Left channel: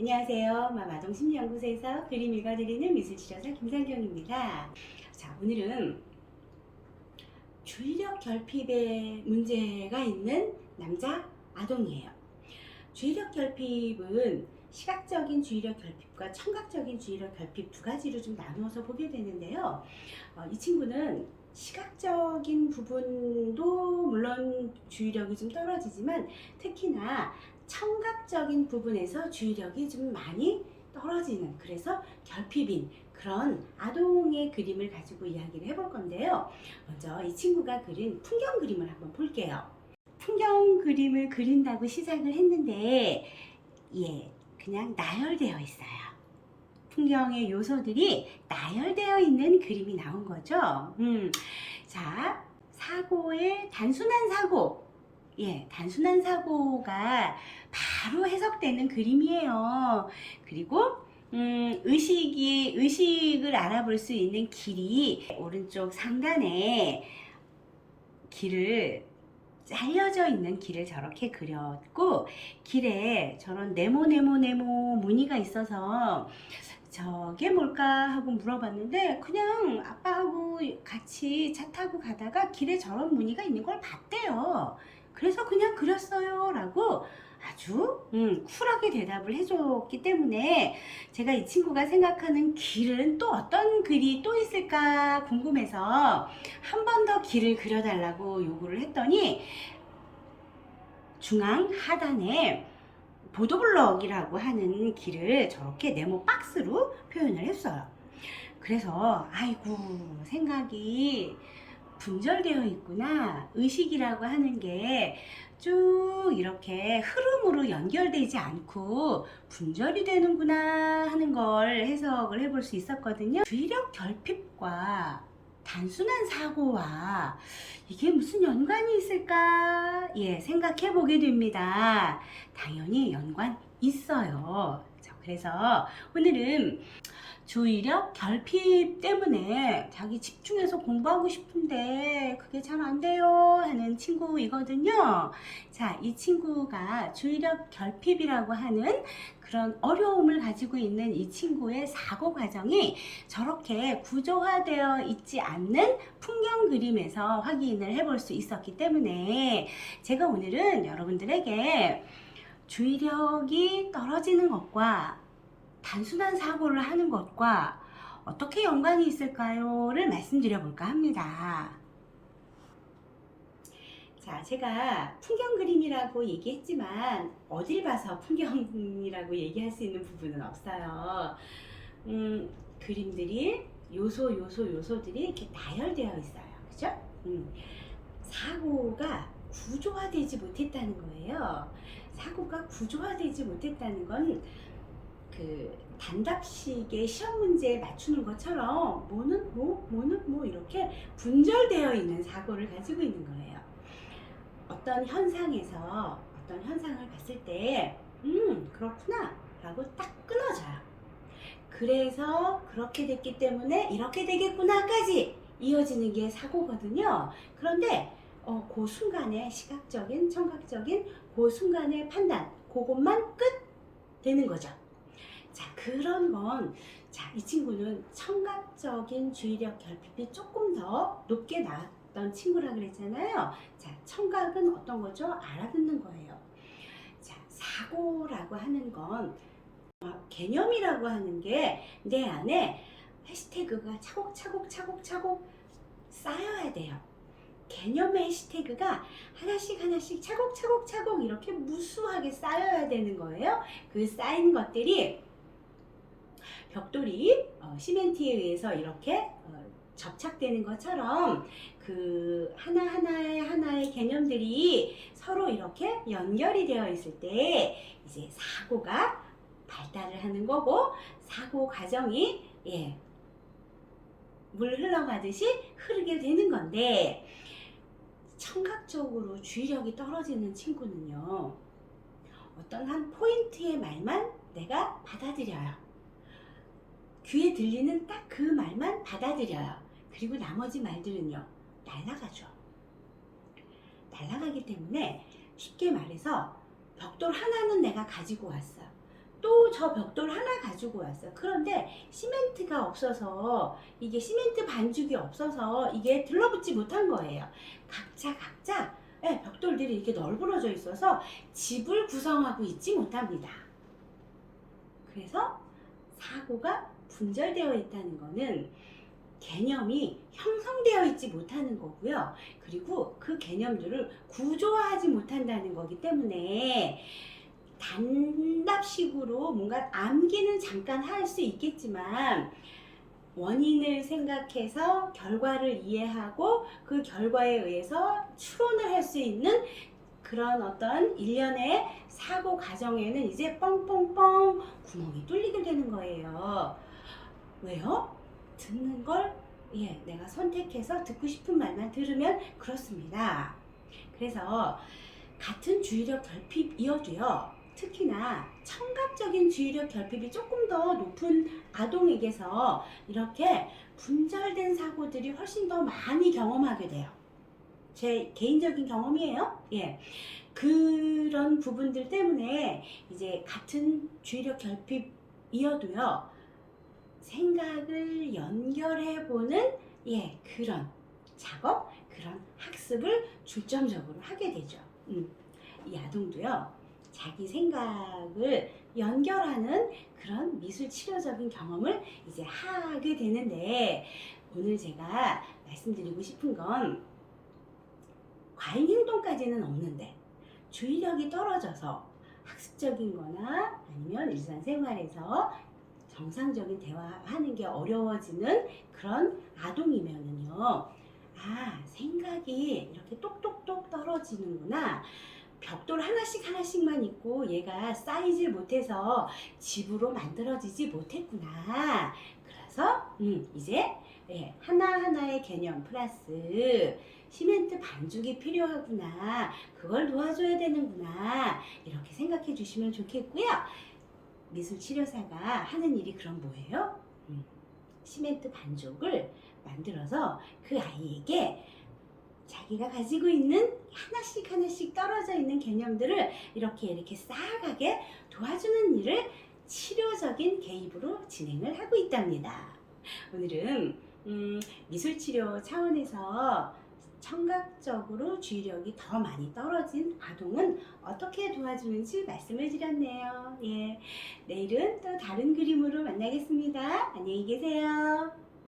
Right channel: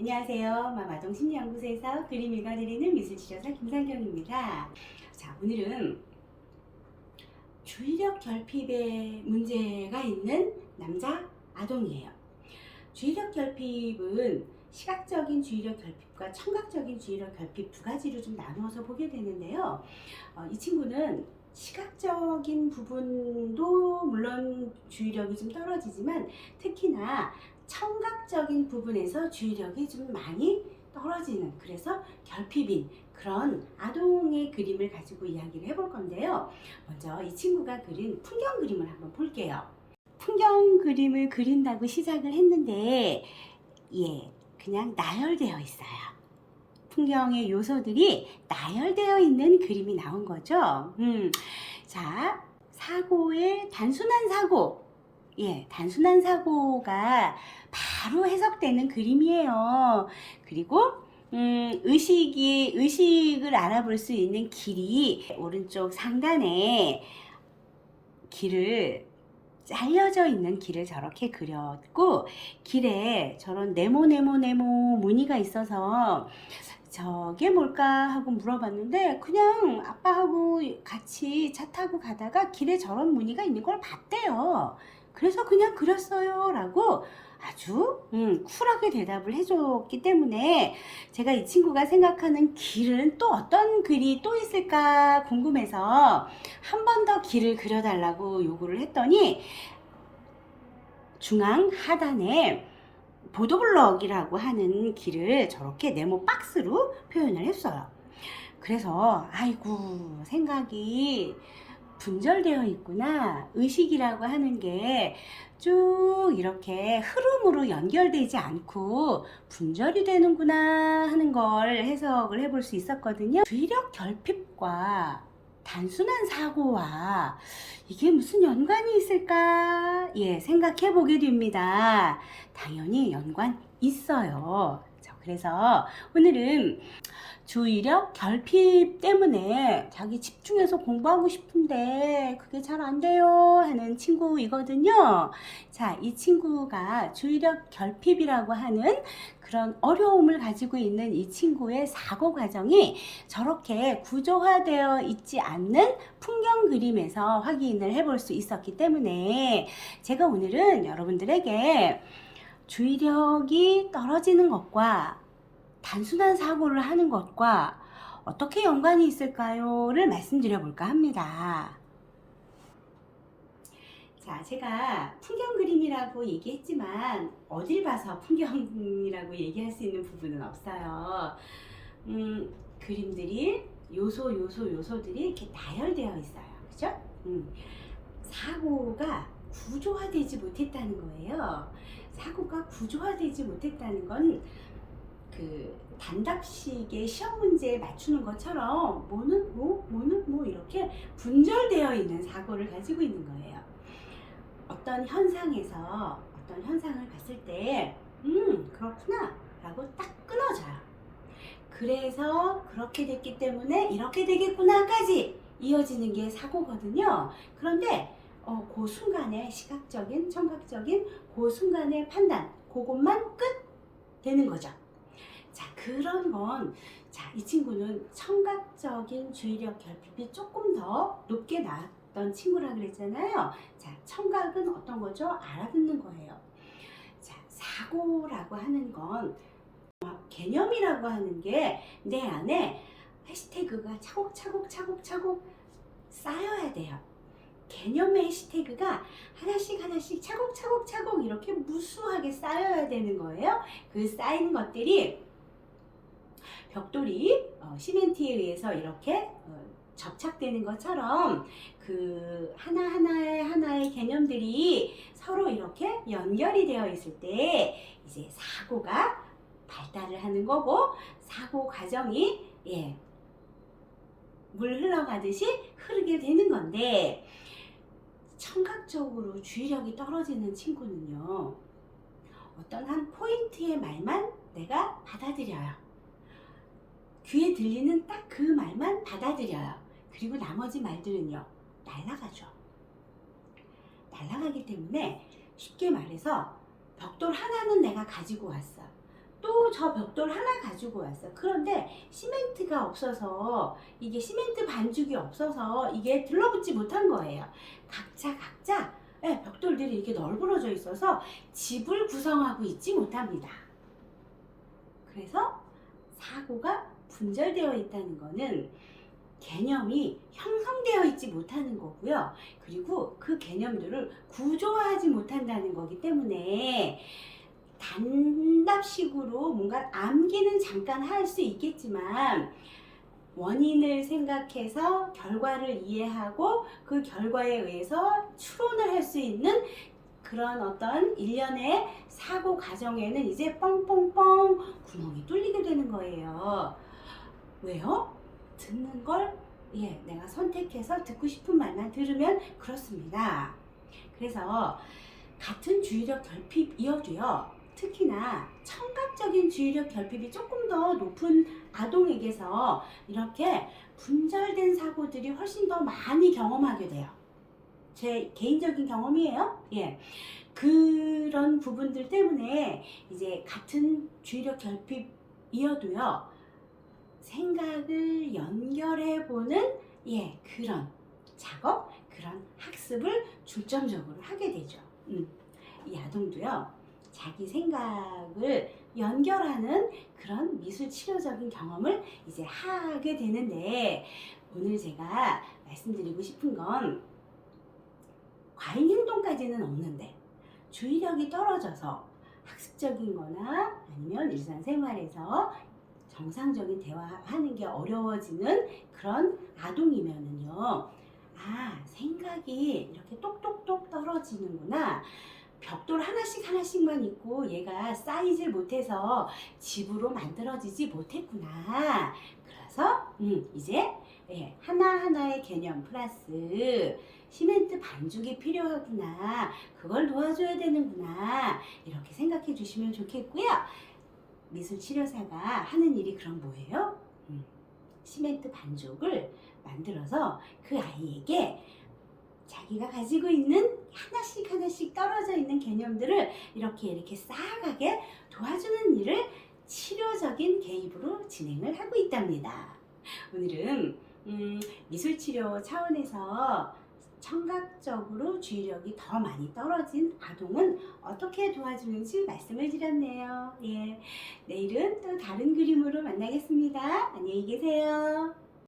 안녕하세요. 마마동심리연구소에서 그림 읽어드리는 미술치료사 김상경입니다. 자, 오늘은 주의력 결핍에 문제가 있는 남자 아동이에요. 주의력 결핍은 시각적인 주의력 결핍과 청각적인 주의력 결핍 두 가지로 좀 나누어서 보게 되는데요. 이 친구는 시각적인 부분도 물론 주의력이 좀 떨어지지만 특히나 청각적인 부분에서 주의력이 좀 많이 떨어지는, 그래서 결핍인 그런 아동의 그림을 가지고 이야기를 해볼 건데요. 먼저 이 친구가 그린 풍경 그림을 한번 볼게요. 풍경 그림을 그린다고 시작을 했는데 그냥 나열되어 있어요. 풍경의 요소들이 나열되어 있는 그림이 나온 거죠. 자, 사고의 단순한 사고. 단순한 사고가 바로 해석되는 그림이에요. 그리고 의식을 알아볼 수 있는 길이 오른쪽 상단에 길을 잘려져 있는 길을 저렇게 그렸고, 길에 저런 네모 무늬가 있어서 저게 뭘까 하고 물어봤는데 그냥 아빠하고 같이 차 타고 가다가 길에 저런 무늬가 있는 걸 봤대요. 그래서 그냥 그렸어요 라고 아주 쿨하게 대답을 해줬기 때문에 제가 이 친구가 생각하는 길은 또 어떤 글이 또 있을까 궁금해서 한 번 더 길을 그려달라고 요구를 했더니 중앙 하단에 보도블럭이라고 하는 길을 저렇게 네모 박스로 표현을 했어요. 그래서 아이고, 생각이 분절되어 있구나. 의식이라고 하는 게 쭉 이렇게 흐름으로 연결되지 않고 분절이 되는구나 하는 걸 해석을 해볼 수 있었거든요. 주의력 결핍과 단순한 사고와 이게 무슨 연관이 있을까? 생각해 보게 됩니다. 당연히 연관 있어요. 그래서 오늘은 주의력 결핍 때문에 자기 집중해서 공부하고 싶은데 그게 잘 안 돼요 하는 친구이거든요. 자, 이 친구가 주의력 결핍이라고 하는 그런 어려움을 가지고 있는 이 친구의 사고 과정이 저렇게 구조화되어 있지 않는 풍경 그림에서 확인을 해볼 수 있었기 때문에 제가 오늘은 여러분들에게 주의력이 떨어지는 것과 단순한 사고를 하는 것과 어떻게 연관이 있을까요?를 말씀드려 볼까 합니다. 자, 제가 풍경 그림이라고 얘기했지만 어딜 봐서 풍경이라고 얘기할 수 있는 부분은 없어요. 그림들이 요소들이 이렇게 나열되어 있어요. 그죠? 사고가 구조화되지 못했다는 거예요. 사고가 구조화되지 못했다는 건 그 단답식의 시험 문제에 맞추는 것처럼 뭐는 뭐는 이렇게 분절되어 있는 사고를 가지고 있는 거예요. 어떤 현상에서 어떤 현상을 봤을 때 그렇구나 라고 딱 끊어져요. 그래서 그렇게 됐기 때문에 이렇게 되겠구나까지 이어지는 게 사고거든요. 그런데 그 순간의 시각적인 청각적인 그 순간의 판단, 그것만 끝 되는 거죠. 자, 그런 건, 자, 이 친구는 청각적인 주의력 결핍이 조금 더 높게 나왔던 친구라 그랬잖아요. 자, 청각은 어떤 거죠? 알아듣는 거예요. 자, 사고라고 하는 건 개념이라고 하는 게 내 안에 해시태그가 차곡차곡 쌓여야 돼요. 개념의 해시태그가 하나씩 차곡차곡 이렇게 무수하게 쌓여야 되는 거예요. 그 쌓인 것들이 벽돌이 시멘트에 의해서 이렇게 접착되는 것처럼 그 하나의 개념들이 서로 이렇게 연결이 되어 있을 때 이제 사고가 발달을 하는 거고, 사고 과정이 물 흘러가듯이 흐르게 되는 건데, 청각적으로 주의력이 떨어지는 친구는요, 어떤 한 포인트의 말만 내가 받아들여요. 귀에 들리는 딱 그 말만 받아들여요. 그리고 나머지 말들은요, 날아가죠. 날아가기 때문에 쉽게 말해서 벽돌 하나는 내가 가지고 왔어. 또 저 벽돌 하나 가지고 왔어. 그런데 시멘트가 없어서, 이게 시멘트 반죽이 없어서 이게 들러붙지 못한 거예요. 각자 예, 벽돌들이 이렇게 널브러져 있어서 집을 구성하고 있지 못합니다. 그래서 사고가 분절되어 있다는 거는 개념이 형성되어 있지 못하는 거고요. 그리고 그 개념들을 구조화하지 못한다는 거기 때문에 단답식으로 뭔가 암기는 잠깐 할 수 있겠지만 원인을 생각해서 결과를 이해하고 그 결과에 의해서 추론을 할 수 있는 그런 어떤 일련의 사고 과정에는 이제 뻥뻥뻥 구멍이 뚫리게 되는 거예요. 왜요? 듣는 걸 내가 선택해서 듣고 싶은 말만 들으면 그렇습니다. 그래서 같은 주의력 결핍이어도요, 특히나 청각적인 주의력 결핍이 조금 더 높은 아동에게서 이렇게 분절된 사고들이 훨씬 더 많이 경험하게 돼요. 제 개인적인 경험이에요. 그런 부분들 때문에 이제 같은 주의력 결핍이어도요, 생각을 연결해보는 그런 작업, 그런 학습을 중점적으로 하게 되죠. 이 아동도요, 자기 생각을 연결하는 그런 미술 치료적인 경험을 이제 하게 되는데, 오늘 제가 말씀드리고 싶은 건 과잉 행동까지는 없는데 주의력이 떨어져서 학습적인 거나 아니면 일상생활에서 정상적인 대화하는 게 어려워지는 그런 아동이면은요, 생각이 이렇게 똑똑똑 떨어지는구나, 벽돌 하나씩만 있고 얘가 쌓이질 못해서 집으로 만들어지지 못했구나, 그래서 이제 하나하나의 개념 플러스 시멘트 반죽이 필요하구나, 그걸 도와줘야 되는구나, 이렇게 생각해 주시면 좋겠고요. 미술치료사가 하는 일이 그럼 뭐예요? 시멘트 반죽을 만들어서 그 아이에게 자기가 가지고 있는 하나씩 떨어져 있는 개념들을 이렇게 쌓아가게 도와주는 일을 치료적인 개입으로 진행을 하고 있답니다. 오늘은 미술치료 차원에서 청각적으로 주의력이 더 많이 떨어진 아동은 어떻게 도와주는지 말씀을 드렸네요. 내일은 또 다른 그림으로 만나겠습니다. 안녕히 계세요.